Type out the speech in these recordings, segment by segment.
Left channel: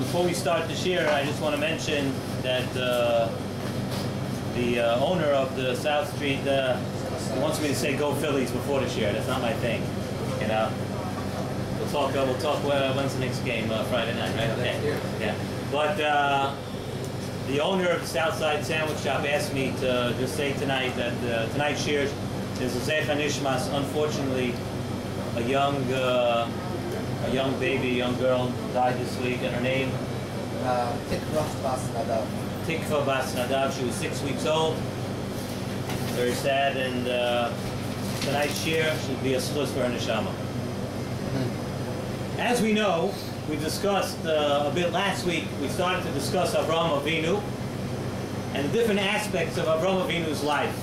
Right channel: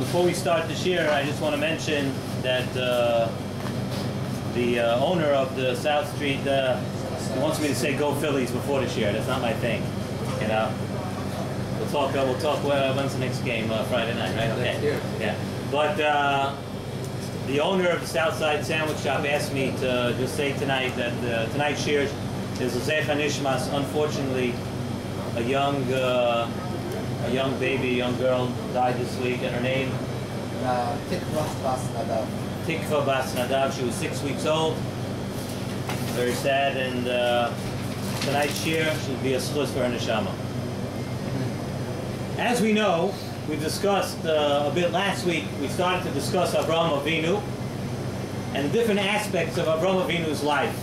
Before we start this year, I just want to mention that the owner of the South Street wants me to say "Go Phillies" before this year. That's not my thing, you know. We'll talk. When's the next game? Friday night, right? Okay. Yeah. But the owner of the Southside Sandwich Shop asked me to just say tonight that tonight's shiur is Zecha Nishmas. Unfortunately, a young baby, a young girl died this week, and her name? Tikva Bas Nadav. Tikva Bas Nadav. She was 6 weeks old. Very sad, and tonight's shiur should be a schus for her neshama. As we know, we discussed a bit last week, we started to discuss Avraham Avinu and the different aspects of Avraham Avinu's life.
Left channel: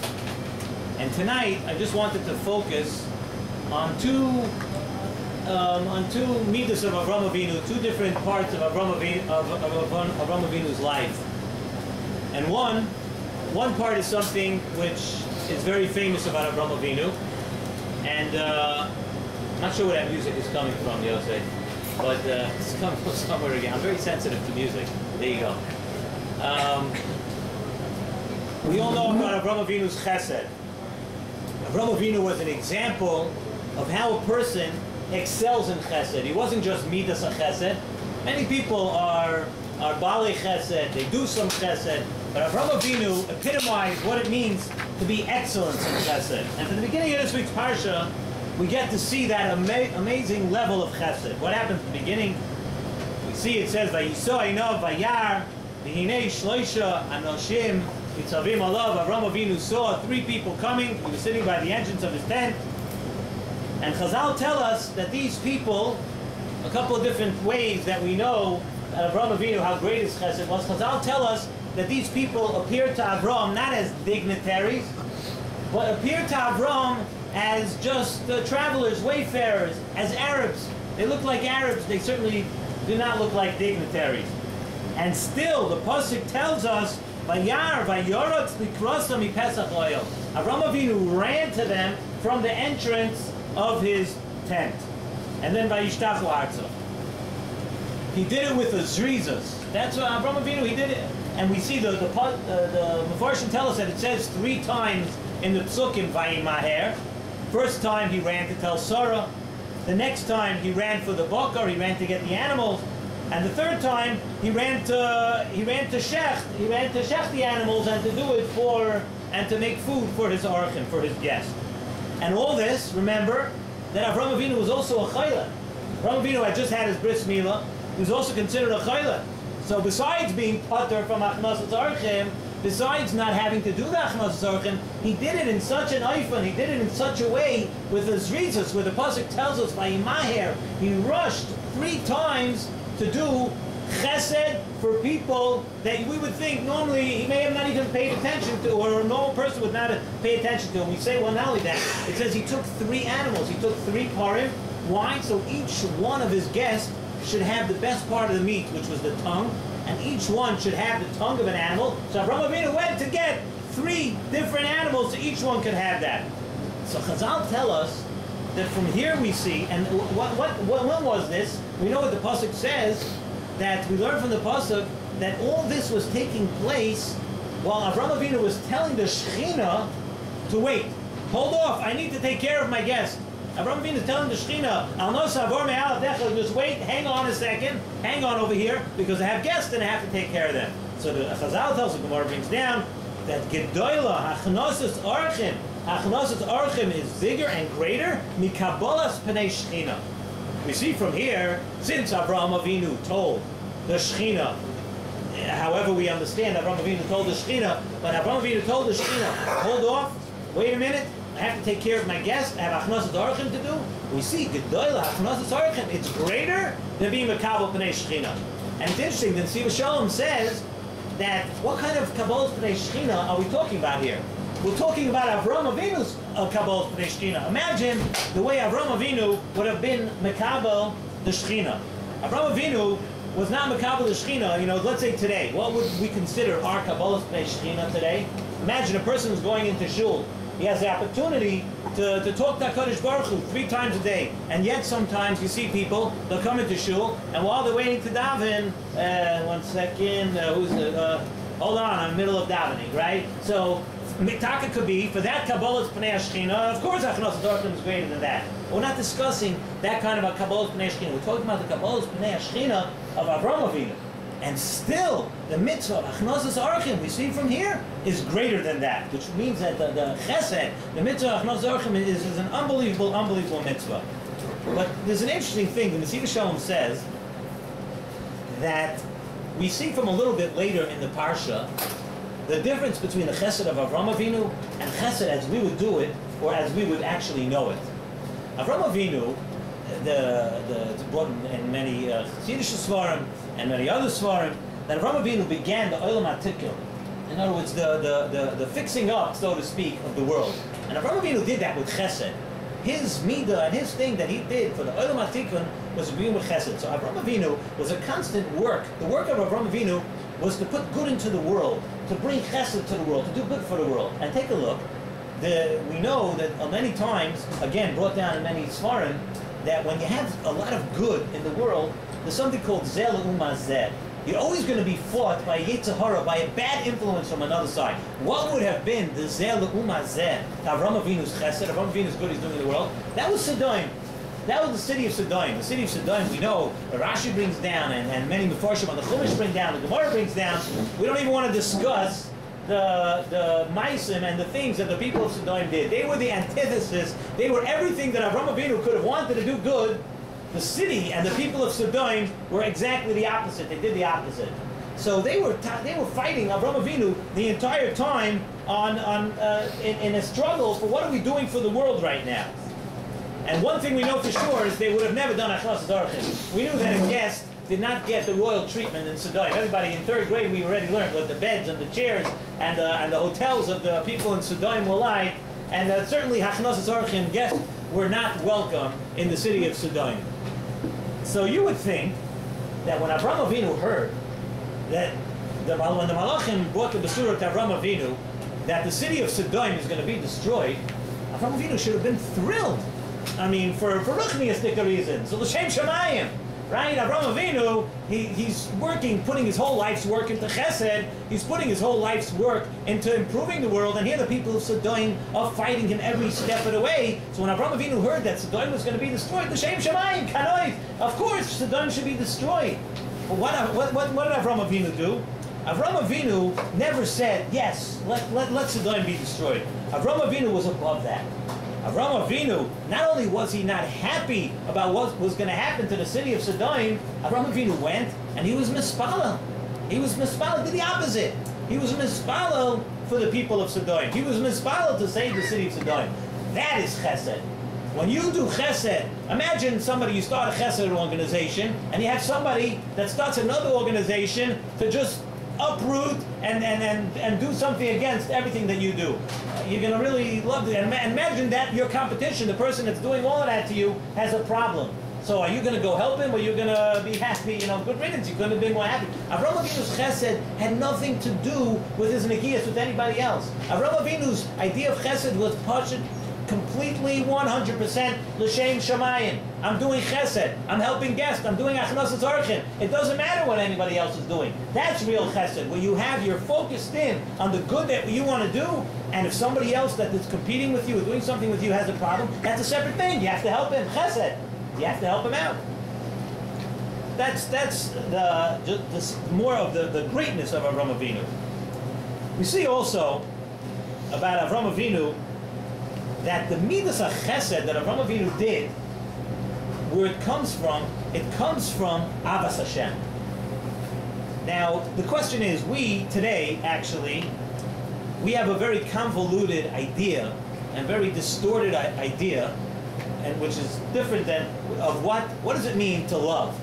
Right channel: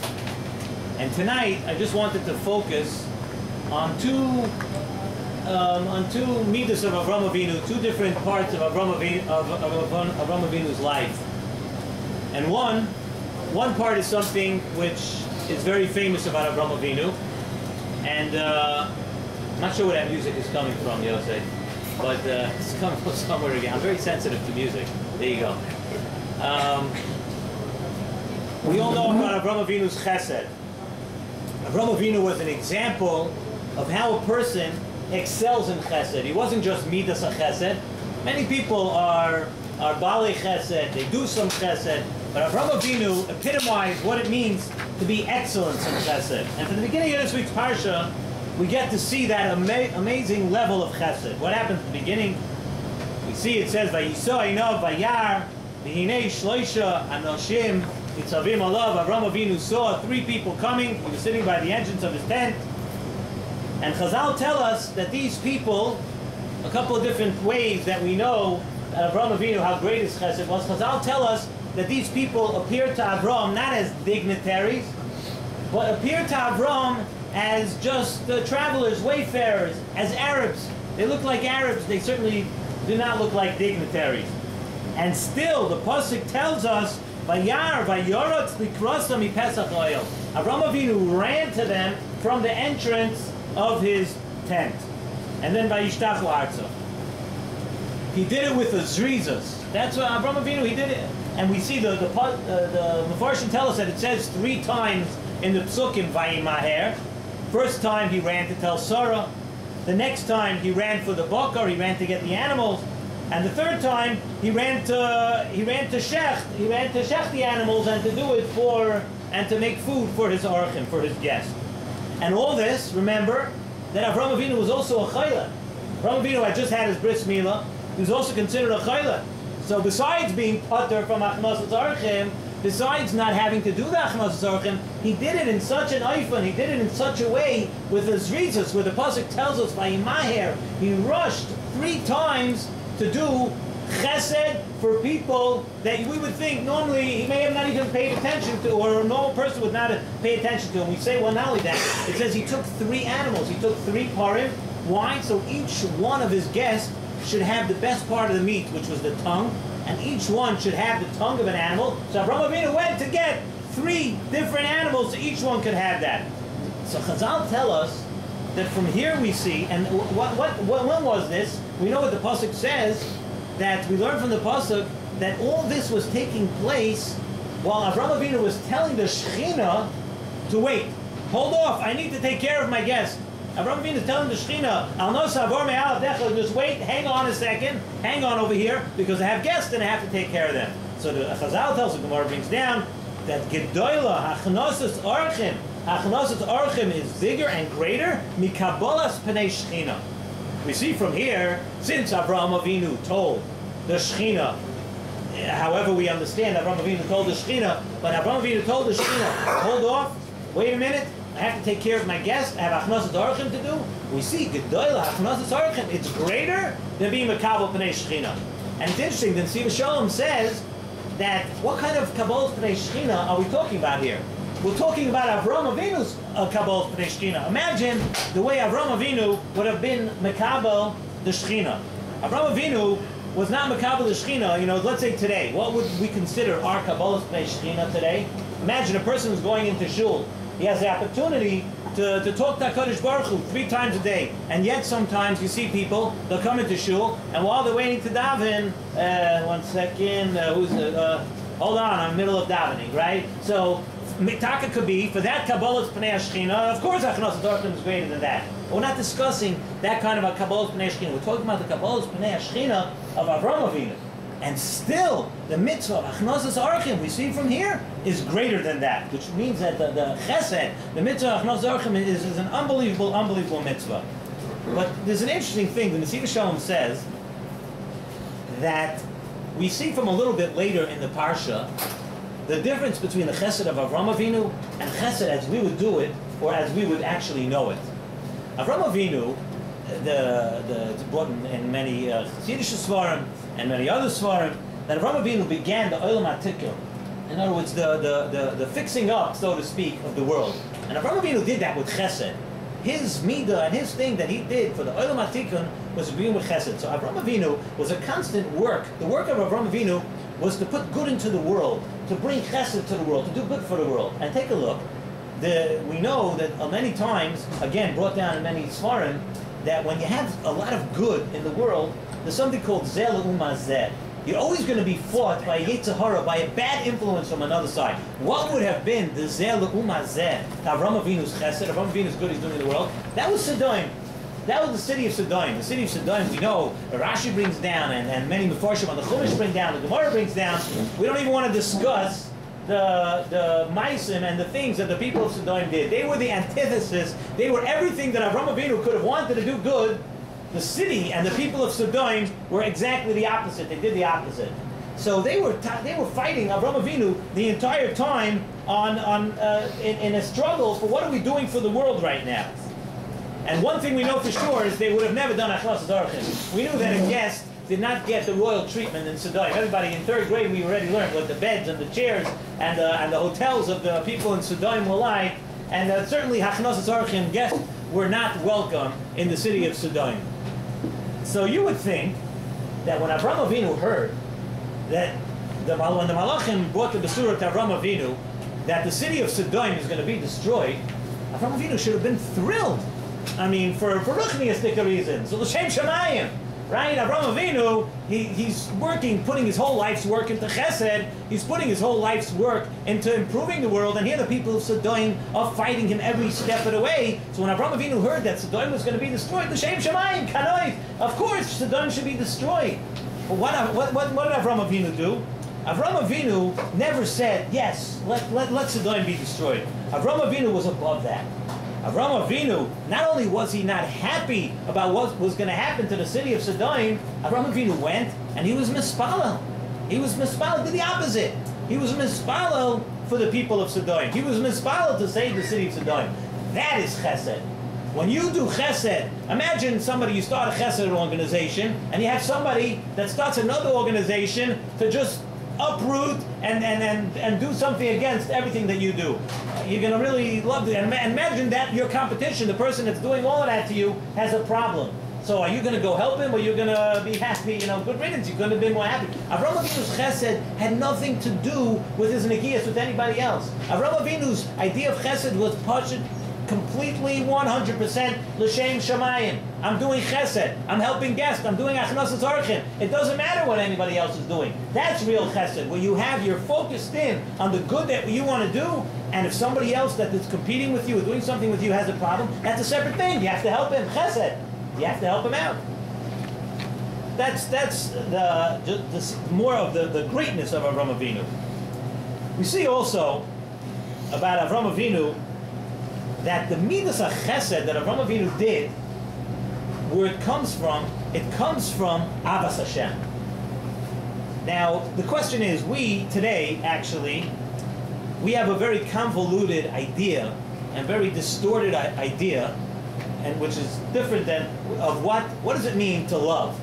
And tonight, I just wanted to focus on two midas of Avraham Avinu, two different parts of Avraham Avinu's life. And one part is something which is very famous about Avraham Avinu, and I'm not sure where that music is coming from, Yosef, but it's coming from somewhere again. I'm very sensitive to music. There you go. We all know about Avraham Avinu's chesed. Avraham Avinu was an example of how a person excels in chesed. He wasn't just midas a chesed. Many people are balei chesed, they do some chesed, but Avraham Avinu epitomized what it means to be excellence in chesed. And from the beginning of this week's parsha, we get to see that amazing level of chesed. What happens at the beginning? We see it says, Vayiso Einav Vayar, V'hinei Shloisha Anoshim Yitzavim Alav. Avraham Avinu saw three people coming. He was sitting by the entrance of his tent. And Chazal tell us that these people, a couple of different ways that we know that Avraham Avinu, how great his chesed was. Chazal tell us that these people appeared to Avraham not as dignitaries, but appeared to Avraham as just travelers, wayfarers, as Arabs. They look like Arabs. They certainly do not look like dignitaries. And still, the pasuk tells us, "Vayar vayorotz likrasa mipesach oil." Avraham Avinu ran to them from the entrance of his tent, and then vayishtachu arza. He did it with the zrizas. That's what Avraham Avinu, he did it. And we see the Mefarshim tell us that it says 3 times in the psukim vayimaher. First time he ran to tell Sarah. The next time he ran for the bakar, he ran to get the animals. And the third time he ran to shecht. He ran to shecht the animals and to do it and to make food for his orchim, for his guest. And all this, remember, that Avraham Avinu was also a chayla. Avraham Avinu had just had his bris milah. He was also considered a chayla. So besides being pater from achnasas orchim, besides not having to do the achnasas orchim, he did it in such an eifon, he did it in such a way with the zrizas, where the pasuk tells us, vayimaher, he rushed 3 times to do chesed for people that we would think normally he may have not even paid attention to, or a normal person would not pay attention to. And we say, well, not only that, it says he took 3 animals, he took 3 parim. Why? So each one of his guests should have the best part of the meat, which was the tongue, and each one should have the tongue of an animal. So Avraham Avinu went to get 3 different animals, so each one could have that. So Chazal tell us that from here we see, and when was this? We know what the pasuk says, that we learn from the pasuk that all this was taking place while Avraham Avinu was telling the Shechina to wait. Hold off, I need to take care of my guest. Avraham Avinu is telling the Shechina, Al no savor me'al decha, just wait, hang on a second, hang on over here, because I have guests and I have to take care of them. So the Chazal tells, the Gemara brings down, that Gedoyla, Hachnasas Orchim is bigger and greater, Mikabolas Pnei Shechina. We see from here, since Avraham Avinu told the Shechina, however we understand, Avraham Avinu told the Shechina, but Avraham Avinu told the Shechina, hold off, wait a minute, I have to take care of my guest, I have Achnasas Orchim to do. We see, Gedoyla, Achnasas Orchim, it's greater than being Makabal Pnei Shechina. And it's interesting, then Siva Shalom says that what kind of Kabbalah Pnei Shechina are we talking about here? We're talking about Avraham Avinu's Kabbalah Pnei Shechina. Imagine the way Avraham Avinu would have been Makabal the Shechina. Avraham Avinu was not Makabal the Shechina, let's say today. What would we consider our Kabbalah Pnei Shechina today? Imagine a person who's going into shul He has the opportunity to talk to HaKadosh Baruch Hu 3 times a day. And yet sometimes you see people, they'll come into shul, and while they're waiting to daven, one second, hold on, I'm in the middle of davening, right? So, Mitaka could be, for that Kabbalah's Pnei HaShechina, of course Achnos HaTorkim is greater than that. But we're not discussing that kind of a Kabbalah's Pnei HaShechina. We're talking about the Kabbalah's Pnei HaShechina of Avraham Avinu. And still, the mitzvah of Achnos HaTorkim, we see from here, is greater than that. Which means that the chesed, the mitzvah of Achnos HaTorkim is an unbelievable, unbelievable mitzvah. But there's an interesting thing. The Nesiv Shalom says that we see from a little bit later in the Parsha the difference between the chesed of Avraham Avinu and chesed as we would do it, or as we would actually know it. Avraham Avinu, it's brought in many Chassidish Svarim and many other Svarim, that Avraham Avinu began the Olam HaTikun. In other words, the fixing up, so to speak, of the world. And Avraham Avinu did that with chesed. His midah and his thing that he did for the Olam HaTikun was to begin with chesed. So Avraham Avinu was a constant work. The work of Avraham Avinu was to put good into the world, to bring chesed to the world, to do good for the world. And take a look. We know that many times, again, brought down in many Svarim, that when you have a lot of good in the world, there's something called zeh le'umah zeh. You're always going to be fought by Yetzer Hara, by a bad influence from another side. What would have been the zeh le'umah zeh, Avraham Avinu's chesed, Avraham Avinu's good he's doing in the world? That was Sodom. That was the city of Sodom. The city of Sodom, we know, Rashi brings down, and many Mefarshim on the Chumash bring down, the Gemara brings down. We don't even want to discuss the Maisim and the things that the people of Sodom did. They were the antithesis. They were everything that Avraham Avinu could have wanted to do good. The city and the people of Sodom were exactly the opposite. They did the opposite. So they were fighting Avraham Avinu the entire time in a struggle for what are we doing for the world right now. And one thing we know for sure is they would have never done Achnos HaTorkim. We knew that a guest did not get the royal treatment in Sodom. Everybody in 3rd grade, we already learned what the beds and the chairs and the hotels of the people in Sodom were like. And certainly Achnos HaTorkim guests were not welcome in the city of Sodom. So you would think that when Avraham Avinu heard that when the Malachim brought the Besurah to Avraham Avinu that the city of Sodom is going to be destroyed, Avraham Avinu should have been thrilled. I mean, for ruchniistic reasons. So l'shem shamayim, right? Avraham Avinu, he's working, putting his whole life's work into chesed. He's putting his whole life's work into improving the world. And here the people of Sodom are fighting him every step of the way. So when Avraham Avinu heard that Sodom was going to be destroyed, l'shem shamayim, kanoit, of course Sodom should be destroyed. But what did Avraham Avinu do? Avraham Avinu never said, yes, let Sodom be destroyed. Avraham Avinu was above that. Avraham Avinu, not only was he not happy about what was going to happen to the city of Sodom, Avraham Avinu went and he was mispalel. He was mispalel, did the opposite. He was mispalel for the people of Sodom. He was mispalel to save the city of Sodom. That is chesed. When you do chesed, imagine somebody, you start a chesed organization, and you have somebody that starts another organization to just uproot and do something against everything that you do. You're going to really love it. And imagine that your competition, the person that's doing all of that to you, has a problem. So are you going to go help him, or you're going to be happy, good riddance, you're going to be more happy? Avraham Avinu's chesed had nothing to do with his negias, with anybody else. Avraham Avinu's idea of chesed was pashut, completely 100% l'shem shamayim. I'm doing chesed. I'm helping guests. I'm doing achnos HaTorkim. It doesn't matter what anybody else is doing. That's real chesed, where you're focused in on the good that you want to do, and if somebody else that is competing with you or doing something with you has a problem, that's a separate thing. You have to help him. Chesed. You have to help him out. That's more of the greatness of Avraham Avinu. We see also about Avraham Avinu that the midas chesed that Avraham Avinu did, where it comes from Avas Hashem. Now, the question is, we today, actually, we have a very convoluted idea and very distorted idea, and which is different than of what does it mean to love.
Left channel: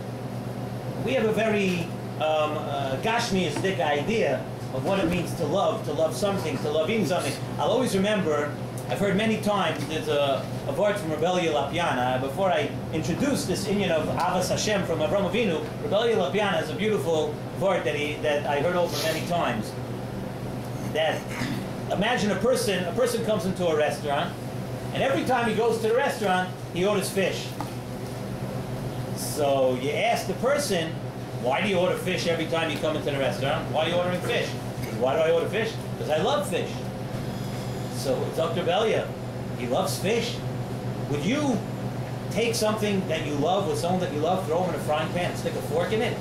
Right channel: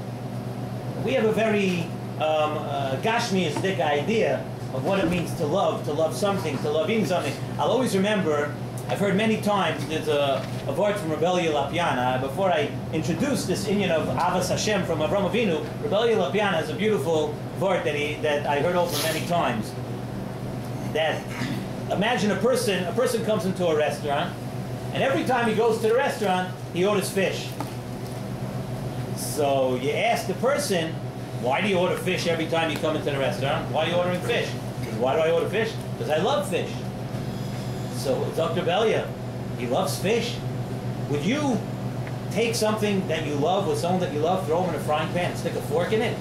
We have a very gashmiistic idea of what it means to love something, to love in something. I'll always remember, I've heard many times, there's a word from Rebbe Lapiana. Before I introduce this inyan of Avas Hashem from Avraham Avinu, Rebbe Lapiana has a beautiful word that I heard over many times. That imagine a person comes into a restaurant, and every time he goes to the restaurant, he orders fish. So you ask the person, why do you order fish every time you come into the restaurant? Why are you ordering fish? Why do I order fish? Because I love fish. So Dr. Belia, he loves fish. Would you take something that you love with someone that you love, throw them in a frying pan and stick a fork in it?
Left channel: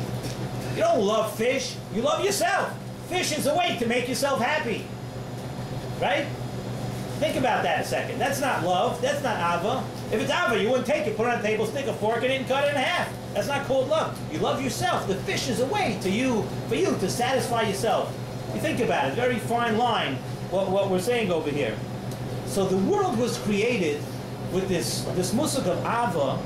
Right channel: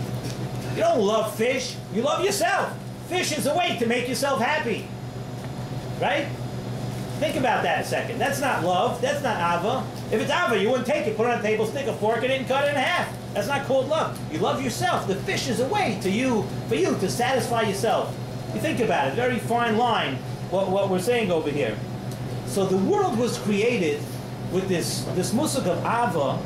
You don't love fish, you love yourself. Fish is a way to make yourself happy. Right? Think about that a second. That's not love, that's not ava. If it's ava, you wouldn't take it, put it on the table, stick a fork in it and cut it in half. That's not called love. You love yourself. The fish is a way for you to satisfy yourself. You think about it, very fine line, what we're saying over here. So the world was created with this musuk of ava,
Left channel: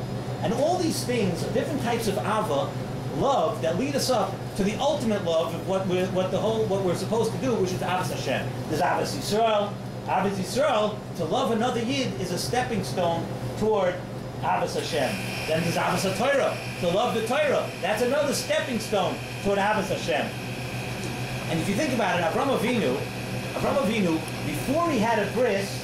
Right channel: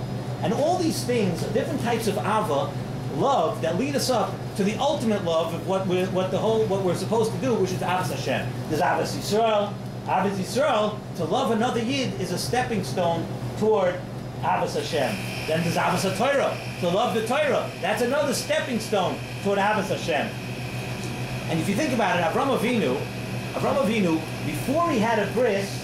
and all these things, different types of ava, love, that lead us up to the ultimate love of what we're supposed to do, which is Avos Hashem. There's Avos Yisrael. Avos Yisrael, to love another Yid, is a stepping stone toward Avos Hashem. Then there's Avos HaTorah, to love the Torah. That's another stepping stone toward Avos Hashem. And if you think about it, Avram Avinu, before he had a bris,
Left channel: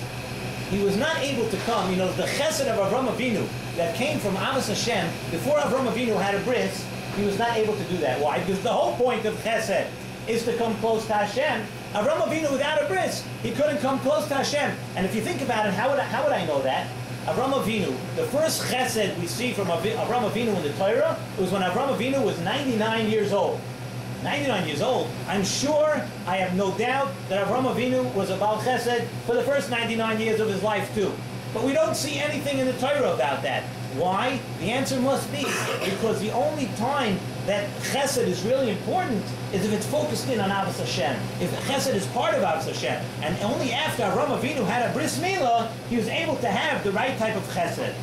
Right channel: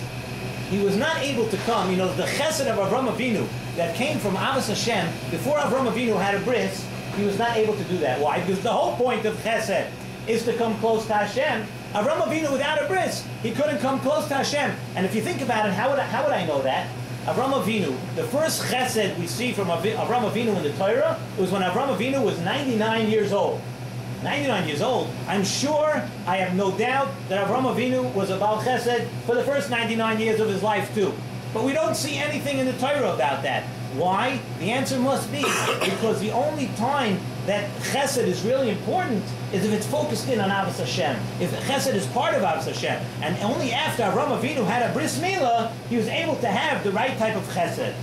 he was not able to come. You know, the chesed of Avram Avinu that came from Avos Hashem, before Avram Avinu had a bris, he was not able to do that. Why? Because the whole point of chesed is to come close to Hashem. Avram Avinu, without a bris, he couldn't come close to Hashem. And if you think about it, how would I know that? Avram Avinu, the first chesed we see from Avram Avinu in the Torah was when Avram Avinu was 99 years old. 99 years old. I'm sure, I have no doubt, that Avram Avinu was a Baal Chesed for the first 99 years of his life too. But we don't see anything in the Torah about that. Why? The answer must be because the only time that Chesed is really important is if it's focused in on Avos Hashem. If Chesed is part of Avos Hashem, and only after Avram Avinu had a bris milah, he was able to have the right type of Chesed.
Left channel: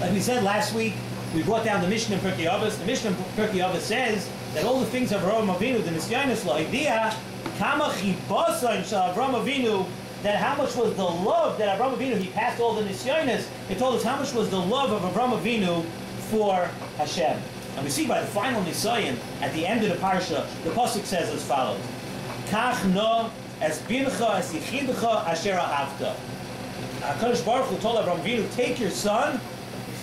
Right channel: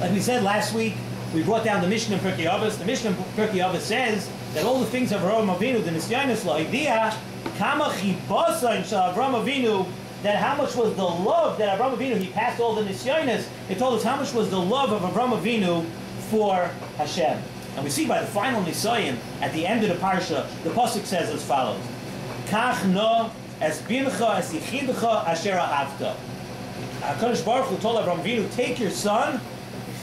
Like we said last week, we brought down the Mishnah in Pirkei Avos. The Mishnah in Pirkei Avos says that all the things of Avram Avinu, the Nisyanis La'idiyah, Kama Chibasan Shal Avram Avinu, that how much was the love that Avram Avinu, he passed all the Nisyanis, it told us how much was the love of Avram Avinu for Hashem. And we see by the final Nisayin, at the end of the Parsha, the Pasuk says as follows, Kach no es bincha es yichidcha asher ahavta. HaKadosh Baruch Hu told Avram Avinu, take your son,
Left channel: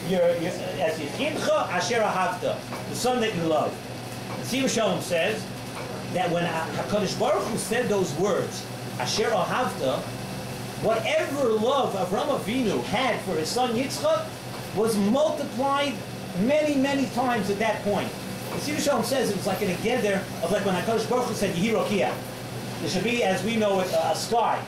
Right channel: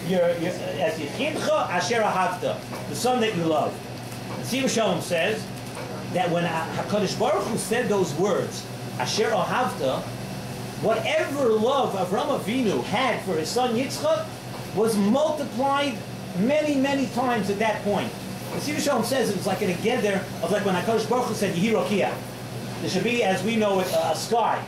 as yichidcha asher ahavta, the son that you love. And Siva Shalom says that when HaKadosh Baruch Hu said those words, asher ahavta, whatever love Avram Avinu had for his son Yitzchak was multiplied many, many times at that point. The Siva Shalom says it was like an agenda of like when HaKadosh Baruch Hu said Yehi Rokiah. There should be, as we know it, a sky.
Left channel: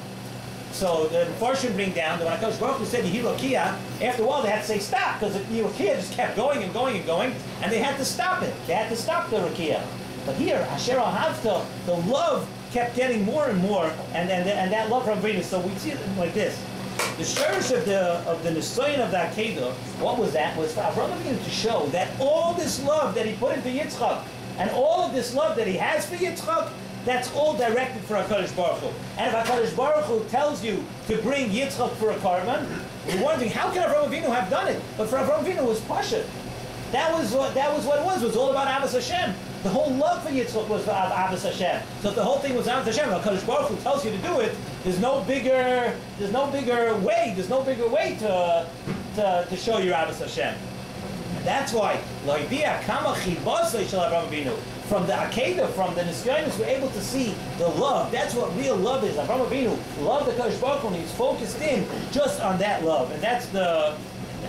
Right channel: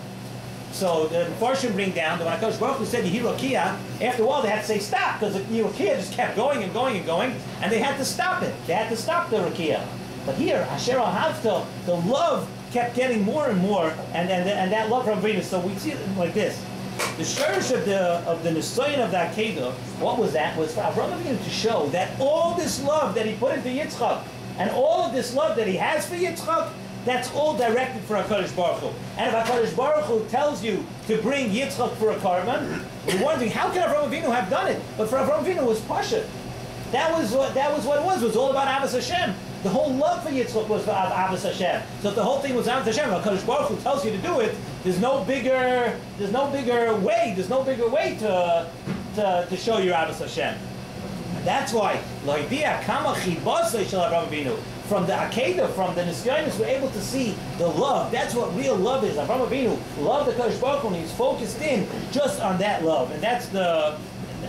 So the Farshim bring down that when HaKadosh Baruch Hu said Yehi Rokiah, after a while they had to say stop, because the Yehi Rokiah just kept going and going and going, and they had to stop it. They had to stop the Rokiah. But here, Asher Ahavta, the love kept getting more and more, and that love from Venus. So we see it like this. The shurish of the Nisayin of the Akedah, what was that? Was for Avram Avinu to show that all this love that he put into Yitzchak, and all of this love that he has for Yitzchak, that's all directed for HaKadosh Baruch Hu. And if HaKadosh Baruch Hu tells you to bring Yitzchak for a karban, you're wondering, how can Avram Avinu have done it? But for Avram Avinu, it was Pasha. That was what it was. It was all about Avos Hashem. The whole love for Yitzchak was for Avos Hashem. So if the whole thing was Avos Hashem, HaKadosh Baruch Hu tells you to do it, there's no bigger way to show your Avos Hashem. And that's why Lo'idiyah Kama Chibasei Shel Avram Avinu. From the Akedah, from the Nisyanis, we're able to see the love. That's what real love is. Avram Avinu loved the HaKadosh Baruch Hu, and he's focused in just on that love. And that's the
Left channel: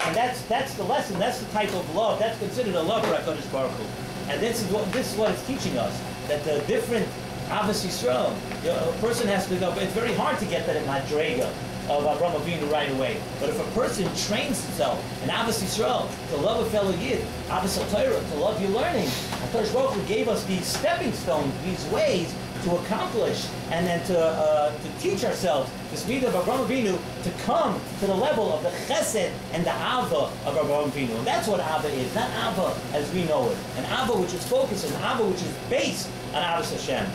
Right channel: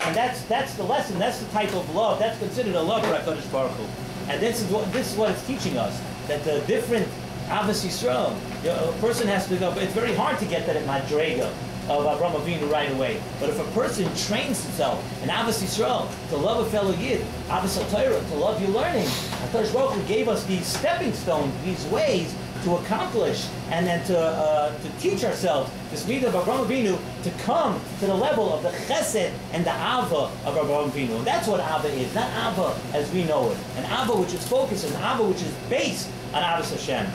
lesson. That's the type of love. That's considered a love for HaKadosh Baruch Hu. And this is what it's teaching us, that the different Avos Yisrael, a person has to go, but it's very hard to get that in Madrega of Avram Avinu right away. But if a person trains himself in Avos Yisrael to love a fellow Yid, Avos HaTorah, to love your learning, HaKadosh Baruch Hu gave us these stepping stones, these ways to accomplish and then to teach ourselves the speed of Avram Avinu to come to the level of the chesed and the ava of Avram Avinu. And that's what ava is, not ava as we know it. An ava which is focused, an ava which is based on Avos Hashem.